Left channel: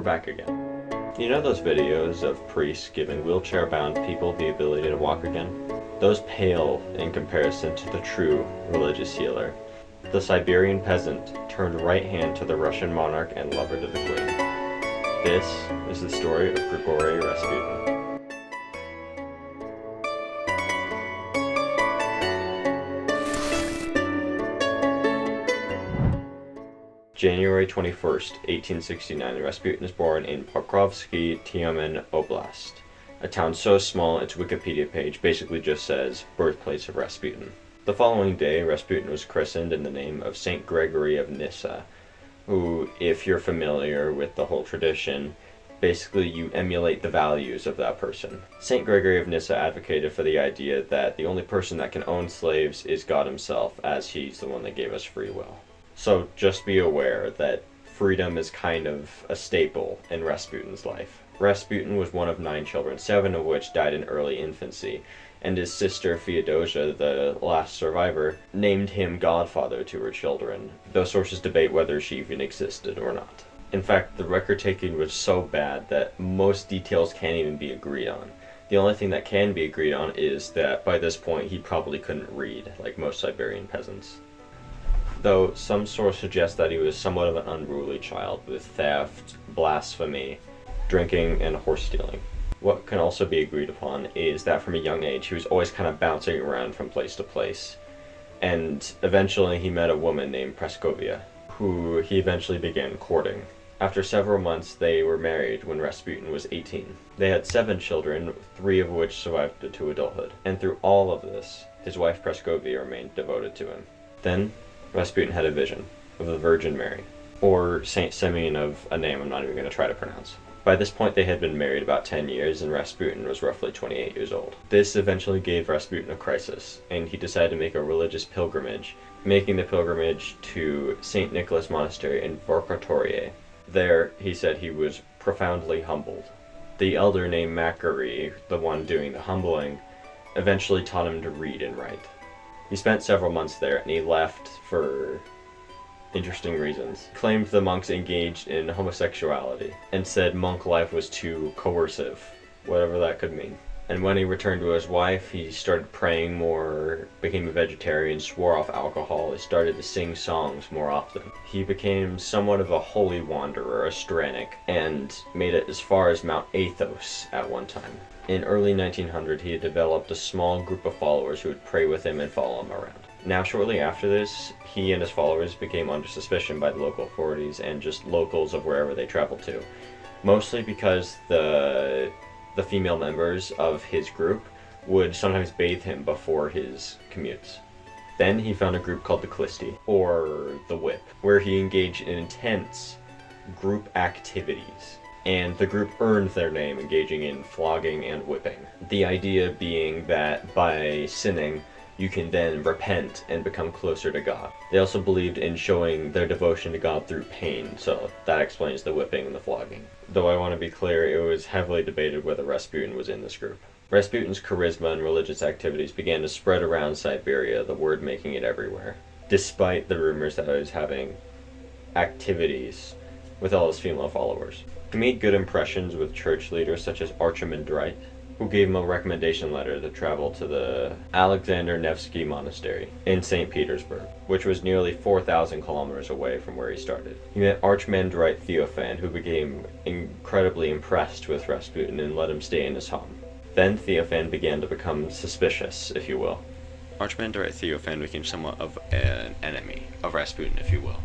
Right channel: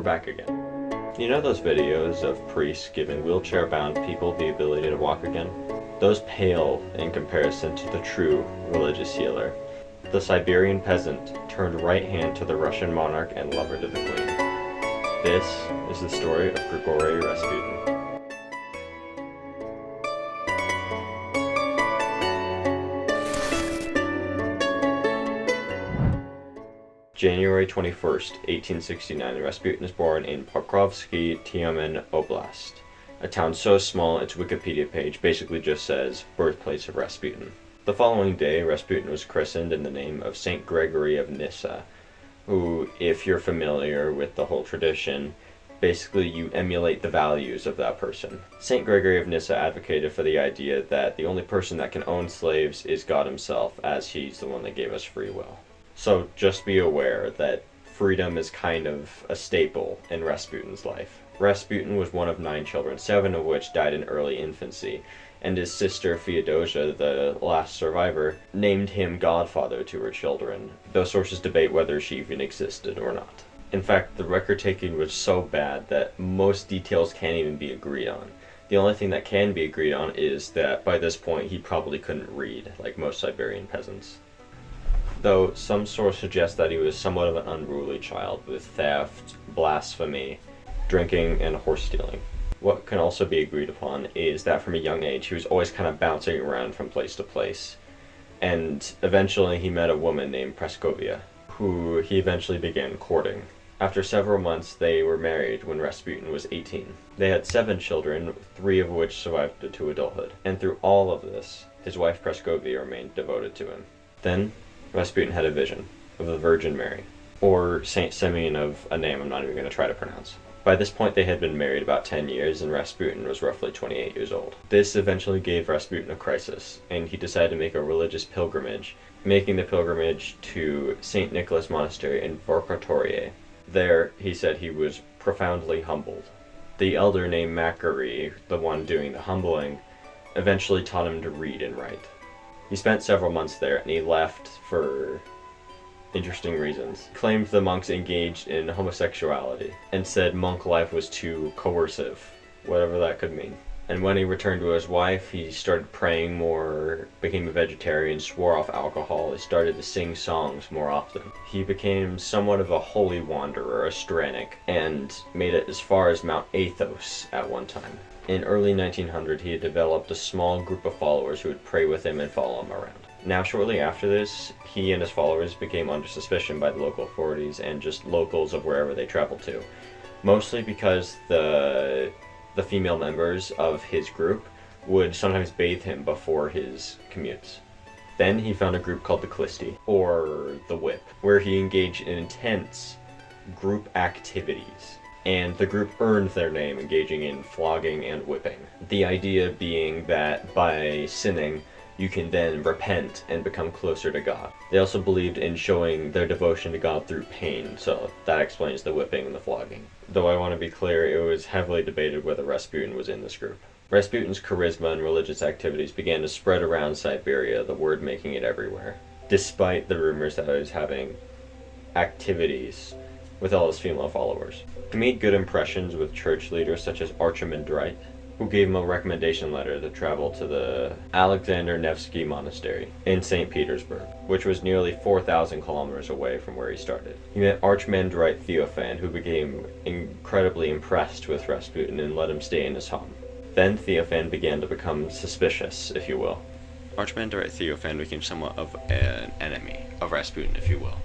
we're back again. You know those videos of priests giving wheelchair-bound people the ability to walk again? Those pale in comparison to the true religious healer. The Siberian peasant turned right hand to the Russian monarch and lover to the queen. This is the story of Grigory Rasputin. January 21st, 1869, Rasputin is born in Pokrovsky, Tyumen Oblast, a town so small its Wikipedia page basically just says, birthplace of Rasputin. The following day, Rasputin was christened in the name of Saint Gregory of Nyssa, who, if you're familiar with the whole tradition, basically you emulate the values of that person. Saint Gregory of Nyssa advocated for the idea that the only person that can own slaves is God himself, as he's the one that gave us free will. So just be aware that freedom is kind of a staple in Rasputin's life. Rasputin was one of 9 children, 7 of which died in early infancy, and his sister Feodosia, the last survivor, named him godfather to her children, though sources debate whether she even existed or not. In fact, the record-taking was so bad that most details can't even be agreed on. The only thing that can be agreed on is that by this point he probably couldn't read, like most Siberian peasants. Though some sources suggest that he was somewhat of an unruly child, with theft, blasphemy, drinking, and horse stealing. What can also be agreed upon is that from a young age he was always kind of bouncing around from place to place, and eventually he met a woman named Praskovia, who he eventually began courting. After several months they were married when Rasputin was 18. They had 7 children, 3 of which survived to adulthood, and through all of this, his wife Praskovia remained devoted to him. Then, Rasputin had a vision of the Virgin Mary, or Saint Simeon of a name I'm not even going to try to pronounce. By this point they had been married about 10 years and Rasputin was roughly 28 years old. This eventually gave Rasputin a crisis, and he decided to make a religious pilgrimage, making the pilgrimage to St. Nicholas Monastery in Vorkotorie. There, he said he was profoundly humbled. The elder named Macquarie, the one doing the humbling, eventually taught him to read and write. He spent several months there, and he left for interesting reasons. He claimed the monks engaged in homosexuality, and said monk life was too coercive, whatever that could mean. And when he returned to his wife, he started praying more, became a vegetarian, swore off alcohol, he started to sing songs more often. He became somewhat of a holy wanderer, a Stranic, and made it as far as Mount Athos at one time. In early 1900, he had developed a small group of followers who would pray with him and follow him around. Now, shortly after this, he and his followers became under suspicion by the local authorities and just locals of wherever they traveled to. Mostly because the female members of his group would sometimes bathe him before his commutes. Then he found a group called the Klisti, or the Whip, where he engaged in intense group activities. And the group earned their name engaging in flogging and whipping. The idea being that by sinning, you can then repent and become closer to God. They also believed in showing their devotion to God through pain, so that explains the whipping and the flogging. Though I want to be clear, it was heavily debated whether Rasputin was in this group. Rasputin's charisma and religious activities began to spread around Siberia, the word making it everywhere, despite the rumors that he was having activities with all his female followers. He made good impressions with church leaders such as Archimandrite, who gave him a recommendation letter to travel to the Alexander Nevsky Monastery in St. Petersburg, which was nearly 4,000 kilometers away from where he started. He met Archimandrite Theophan, who became incredibly impressed with Rasputin and let him stay in his home. Then Theophan began to become suspicious, if you will. Archimandrite Theophan became somewhat of an enemy of Rasputin, if you will,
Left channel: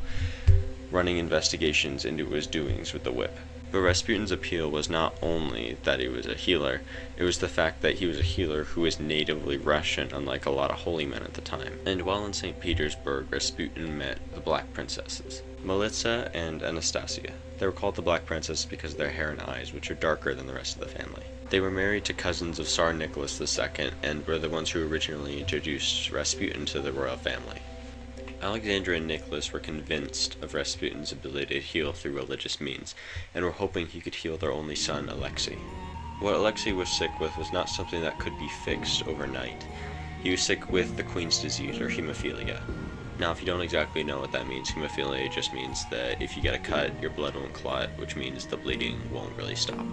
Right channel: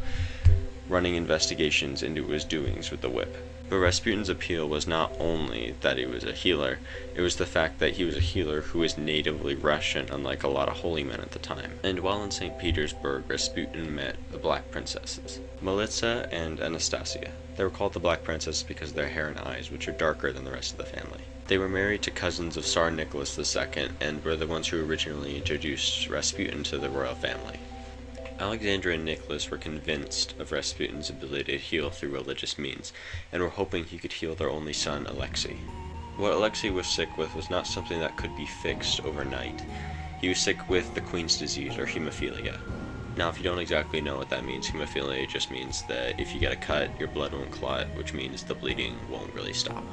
running investigations into his doings with the whip. But Rasputin's appeal was not only that he was a healer, it was the fact that he was a healer who was natively Russian, unlike a lot of holy men at the time. And while in St. Petersburg, Rasputin met the Black Princesses, Melitza and Anastasia. They were called the Black Princesses because of their hair and eyes, which are darker than the rest of the family. They were married to cousins of Tsar Nicholas II, and were the ones who originally introduced Rasputin to the royal family. Alexandra and Nicholas were convinced of Rasputin's ability to heal through religious means, and were hoping he could heal their only son, Alexei. What Alexei was sick with was not something that could be fixed overnight. He was sick with the Queen's disease, or hemophilia. Now, if you don't exactly know what that means, hemophilia just means that if you get a cut, your blood won't clot, which means the bleeding won't really stop.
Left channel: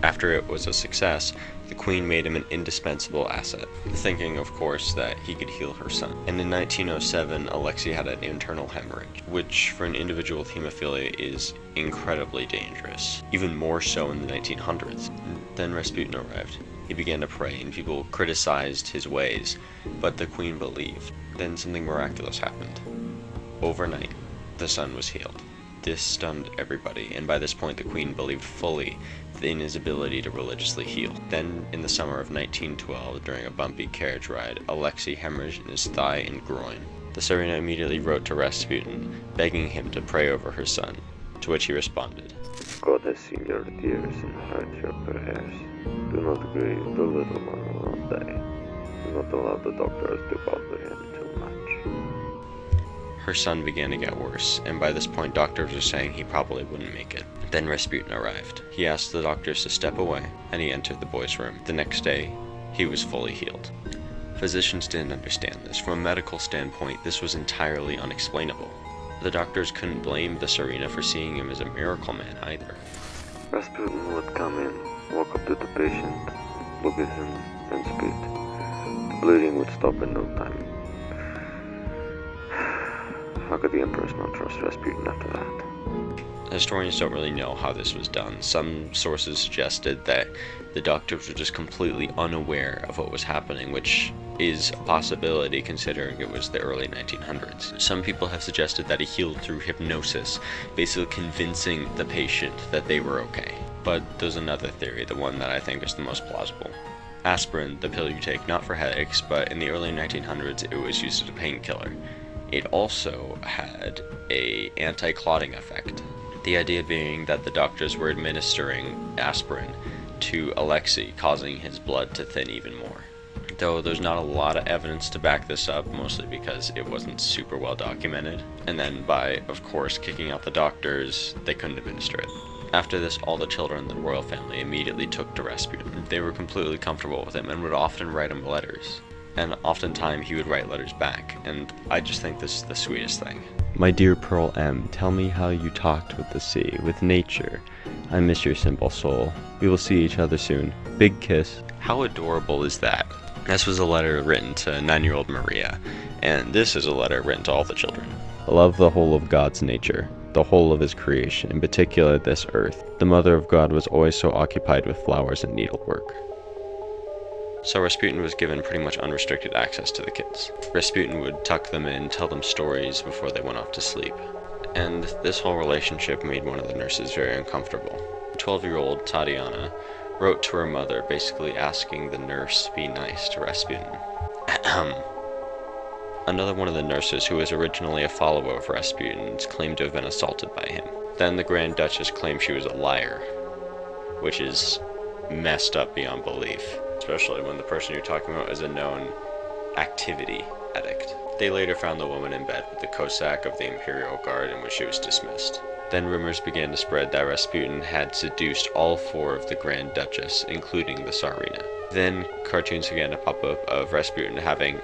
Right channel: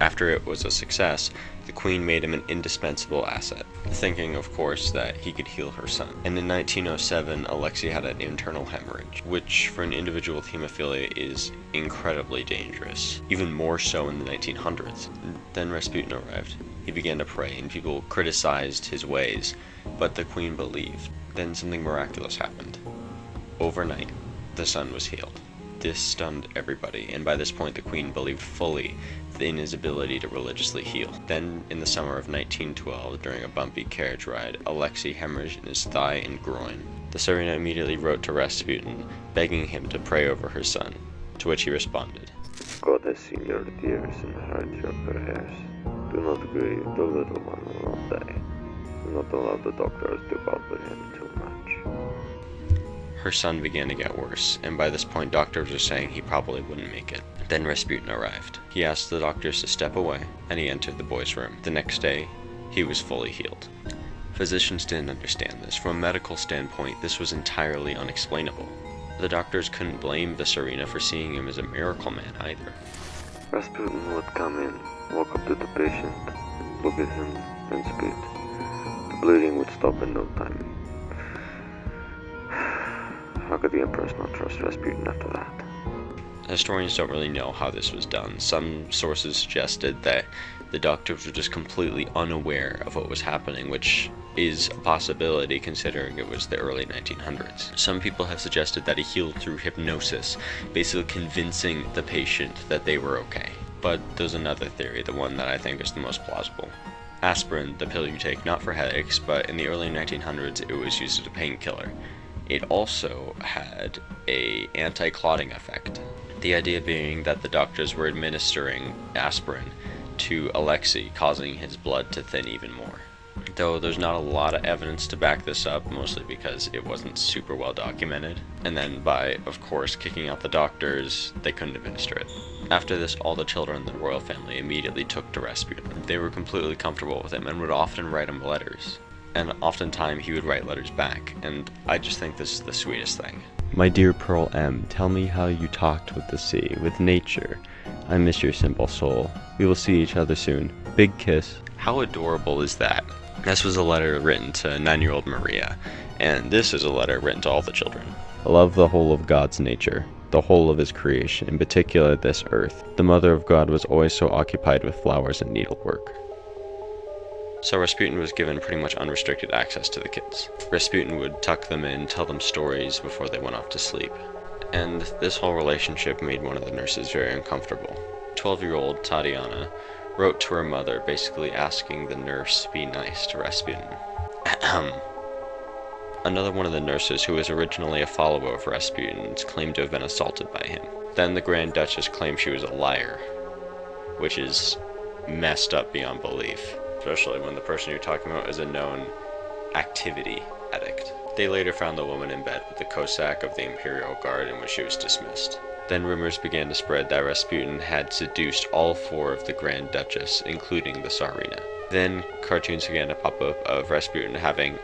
After it was a success, the Queen made him an indispensable asset, thinking, of course, that he could heal her son. And in 1907, Alexei had an internal hemorrhage, which for an individual with hemophilia is incredibly dangerous, even more so in the 1900s. Then Rasputin arrived. He began to pray, and people criticized his ways, but the Queen believed. Then something miraculous happened. Overnight, the son was healed. This stunned everybody, and by this point the Queen believed fully in his ability to religiously heal. Then, in the summer of 1912, during a bumpy carriage ride, Alexei hemorrhaged in his thigh and groin. The Tsarina immediately wrote to Rasputin, begging him to pray over her son, to which he responded, God has seen your tears and heard your prayers. Do not grieve, the little one will not die. Do not allow the doctors to bother him too much. Her son began to get worse, and by this point doctors were saying he probably wouldn't make it. Then Rasputin arrived. He asked the doctors to step away, and he entered the boy's room. The next day, he was fully healed. Physicians didn't understand this. From a medical standpoint, this was entirely unexplainable. The doctors couldn't blame the Tsarina for seeing him as a miracle man either. Rasputin would come in, walk up to the patient, look at him, and spit. The bleeding would stop in no time. How could the Empress not trust Rasputin after that? Historians don't really know how this was done. Some sources suggested that the doctors were just completely unaware of what was happening, which is a possibility considering it was the early 1900s. Some people have suggested that he healed through hypnosis, basically convincing the patient that they were okay. But there's another theory, the one that I think is the most plausible. Aspirin, the pill you take not for headaches, but in the early 1900s it was used as a painkiller. It also had an anti-clotting effect. The idea being that the doctors were administering aspirin to Alexei, causing his blood to thin even more. Though there's not a lot of evidence to back this up, mostly because it wasn't super well documented. And then by, of course, kicking out the doctors, they couldn't administer it. After this, all the children in the royal family immediately took to Rasputin. They were completely comfortable with him and would often write him letters. And oftentimes he would write letters back, and I just think this is the sweetest thing. My dear Pearl M., tell me how you talked with the sea, with nature. I miss your simple soul. We will see each other soon. Big kiss. How adorable is that? This was a letter written to 9-year-old Maria, and this is a letter written to all the children. Love the whole of God's nature, the whole of his creation, in particular this earth. The Mother of God was always so occupied with flowers and needlework. So Rasputin was given pretty much unrestricted access to the kids. Rasputin would tuck them in, tell them stories before they went off to sleep. And this whole relationship made one of the nurses very uncomfortable. 12-year-old Tatiana wrote to her mother, basically asking the nurse to be nice to Rasputin. Another one of the nurses, who was originally a follower of Rasputin's, claimed to have been assaulted by him. Then the Grand Duchess claimed she was a liar, which is messed up beyond belief. Especially when the person you're talking about is a known activity addict. They later found the woman in bed with the Cossack of the Imperial Guard, in which she was dismissed. Then rumors began to spread that Rasputin had seduced all 4 of the Grand Duchess, including the Tsarina. Then cartoons began to pop up of Rasputin having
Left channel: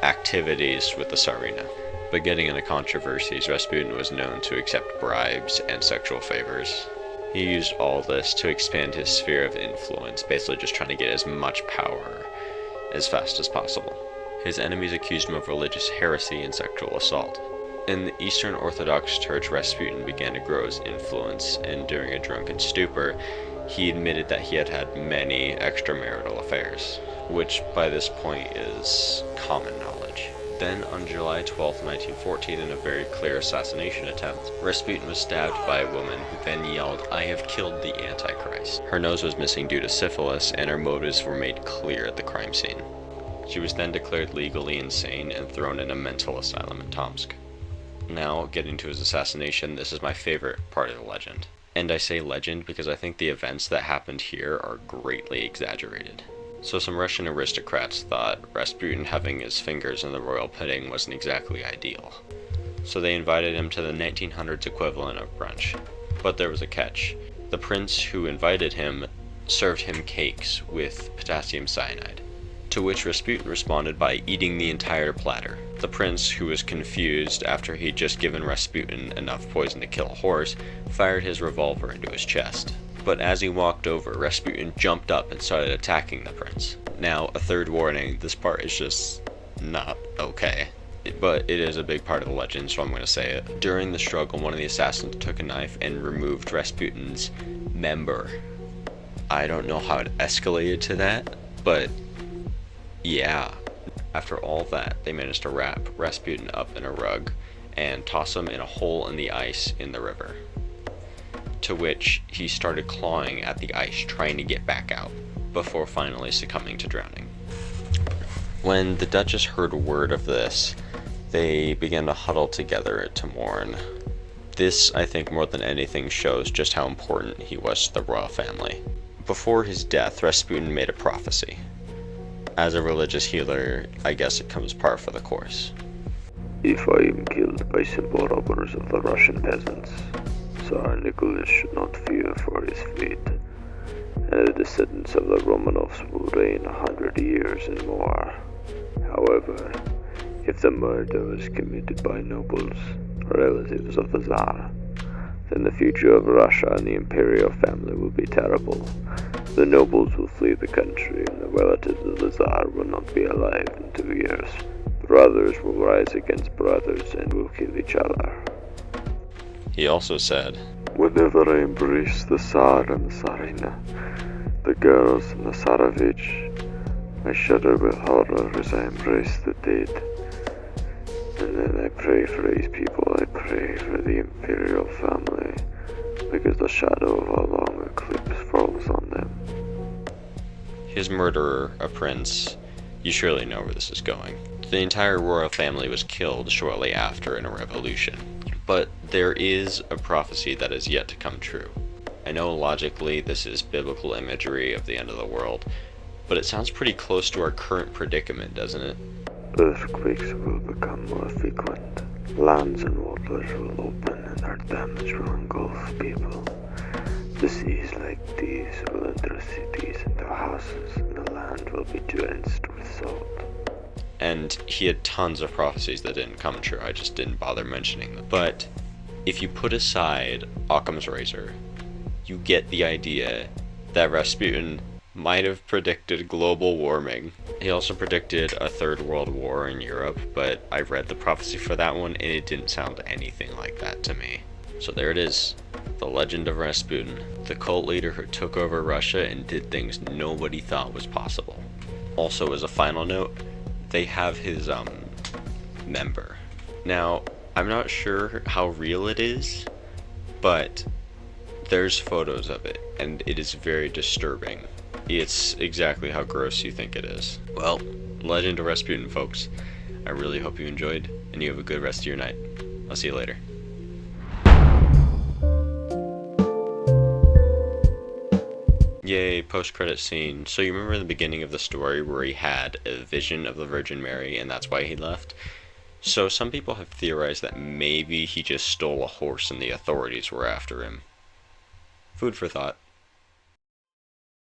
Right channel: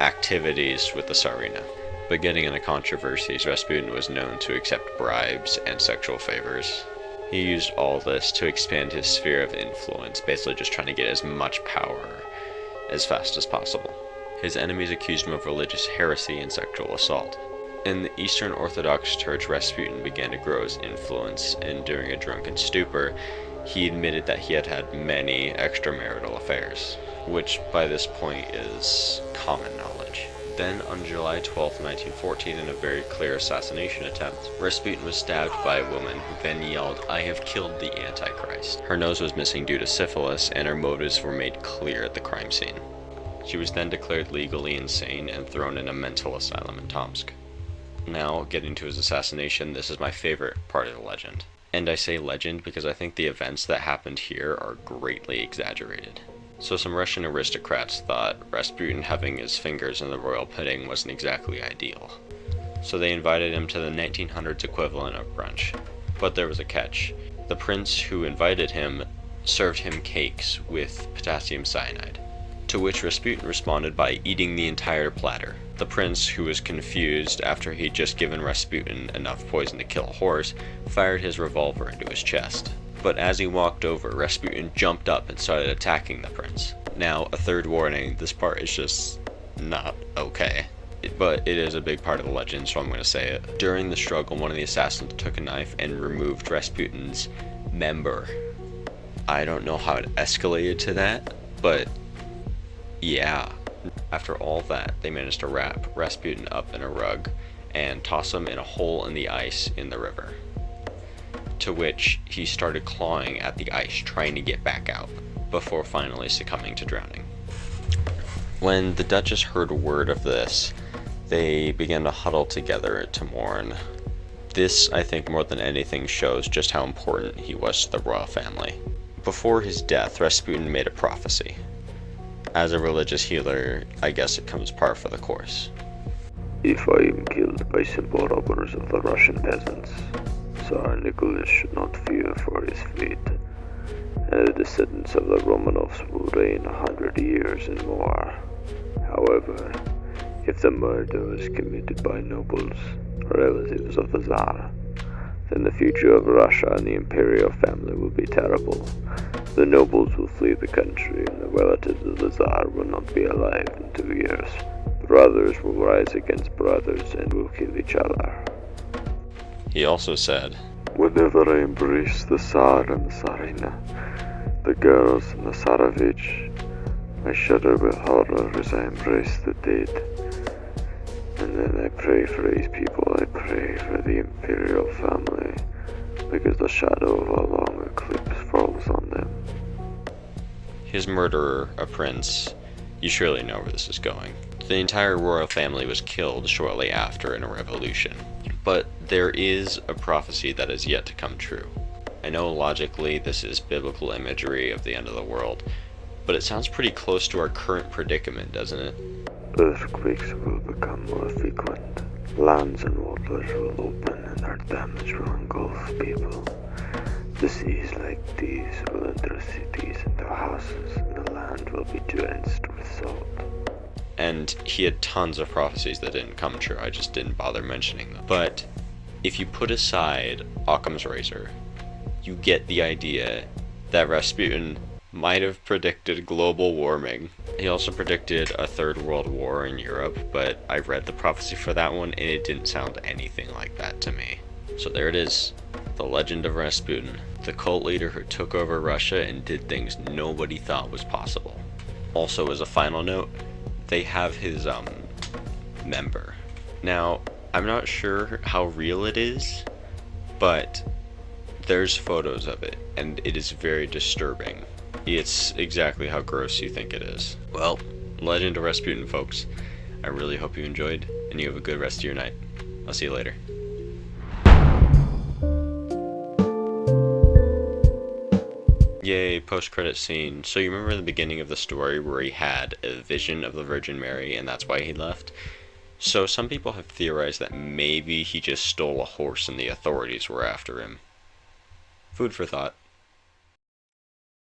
activities with the Tsarina. But getting into controversies, Rasputin was known to accept bribes and sexual favors. He used all this to expand his sphere of influence, basically just trying to get as much power as fast as possible. His enemies accused him of religious heresy and sexual assault. In the Eastern Orthodox Church, Rasputin began to grow his influence, and during a drunken stupor, he admitted that he had had many extramarital affairs, which by this point is common knowledge. Then, on July 12, 1914, in a very clear assassination attempt, Rasputin was stabbed by a woman who then yelled, "I have killed the Antichrist." Her nose was missing due to syphilis, and her motives were made clear at the crime scene. She was then declared legally insane and thrown in a mental asylum in Tomsk. Now, getting to his assassination, this is my favorite part of the legend. And I say legend because I think the events that happened here are greatly exaggerated. So some Russian aristocrats thought Rasputin having his fingers in the royal pudding wasn't exactly ideal. So they invited him to the 1900s equivalent of brunch. But there was a catch. The prince who invited him served him cakes with potassium cyanide. To which Rasputin responded by eating the entire platter. The prince, who was confused after he'd just given Rasputin enough poison to kill a horse, fired his revolver into his chest. But as he walked over, Rasputin jumped up and started attacking the prince. Now, a third warning, this part is just not okay. But it is a big part of the legend, so I'm going to say it. During the struggle, one of the assassins took a knife and removed Rasputin's member. I don't know how it escalated to that, but yeah. After all that, they managed to wrap Rasputin up in a rug and toss him in a hole in the ice in the river. To which he started clawing at the ice, trying to get back out, before finally succumbing to drowning. When the Duchess heard word of this, they began to huddle together to mourn. This, I think, more than anything, shows just how important he was to the royal family. Before his death, Rasputin made a prophecy. As a religious healer, I guess it comes par for the course. If I am killed by simple robbers of the Russian peasants, Tsar Nicholas should not fear for his fate, and the descendants of the Romanovs will reign 100 years and more. However, if the murder was committed by nobles, relatives of the Tsar, then the future of Russia and the imperial family will be terrible. The nobles will flee the country, and the relatives of the Tsar will not be alive in 2 years. Brothers will rise against brothers and will kill each other. He also said, Whenever I embrace the Tsar and the Tsarina, the girls and the Tsarevich, I shudder with horror as I embrace the dead. And then I pray for these people, I pray for the imperial family, because the shadow of a long eclipse falls on them. his murderer, a prince, you surely know where this is going. The entire royal family was killed shortly after in a revolution. But there is a prophecy that is yet to come true. I know logically this is biblical imagery of the end of the world, but it sounds pretty close to our current predicament, doesn't it? Earthquakes will become more frequent. Lands and waters will open and their damage will engulf people. Disease like these will enter cities and their houses, and the land will be drenched with salt. And he had tons of prophecies that didn't come true, I just didn't bother mentioning them. But if you put aside Occam's razor, you get the idea that Rasputin might have predicted global warming. He also predicted a third world war in Europe, but I read the prophecy for that one and it didn't sound anything like that to me. So there it is, the legend of Rasputin, the cult leader who took over Russia and did things nobody thought was possible. Also, as a final note, they have his member. Now, I'm not sure how real it is, but there's photos of it, and it is very disturbing. It's exactly how gross you think it is. Well, Legend of Rasputin, folks. I really hope you enjoyed, and you have a good rest of your night. I'll see you later. Yay, post-credit scene. So you remember the beginning of the story where he had a vision of the Virgin Mary, and that's why he left? So some people have theorized that maybe he just stole a horse and the authorities were after him. Food for thought.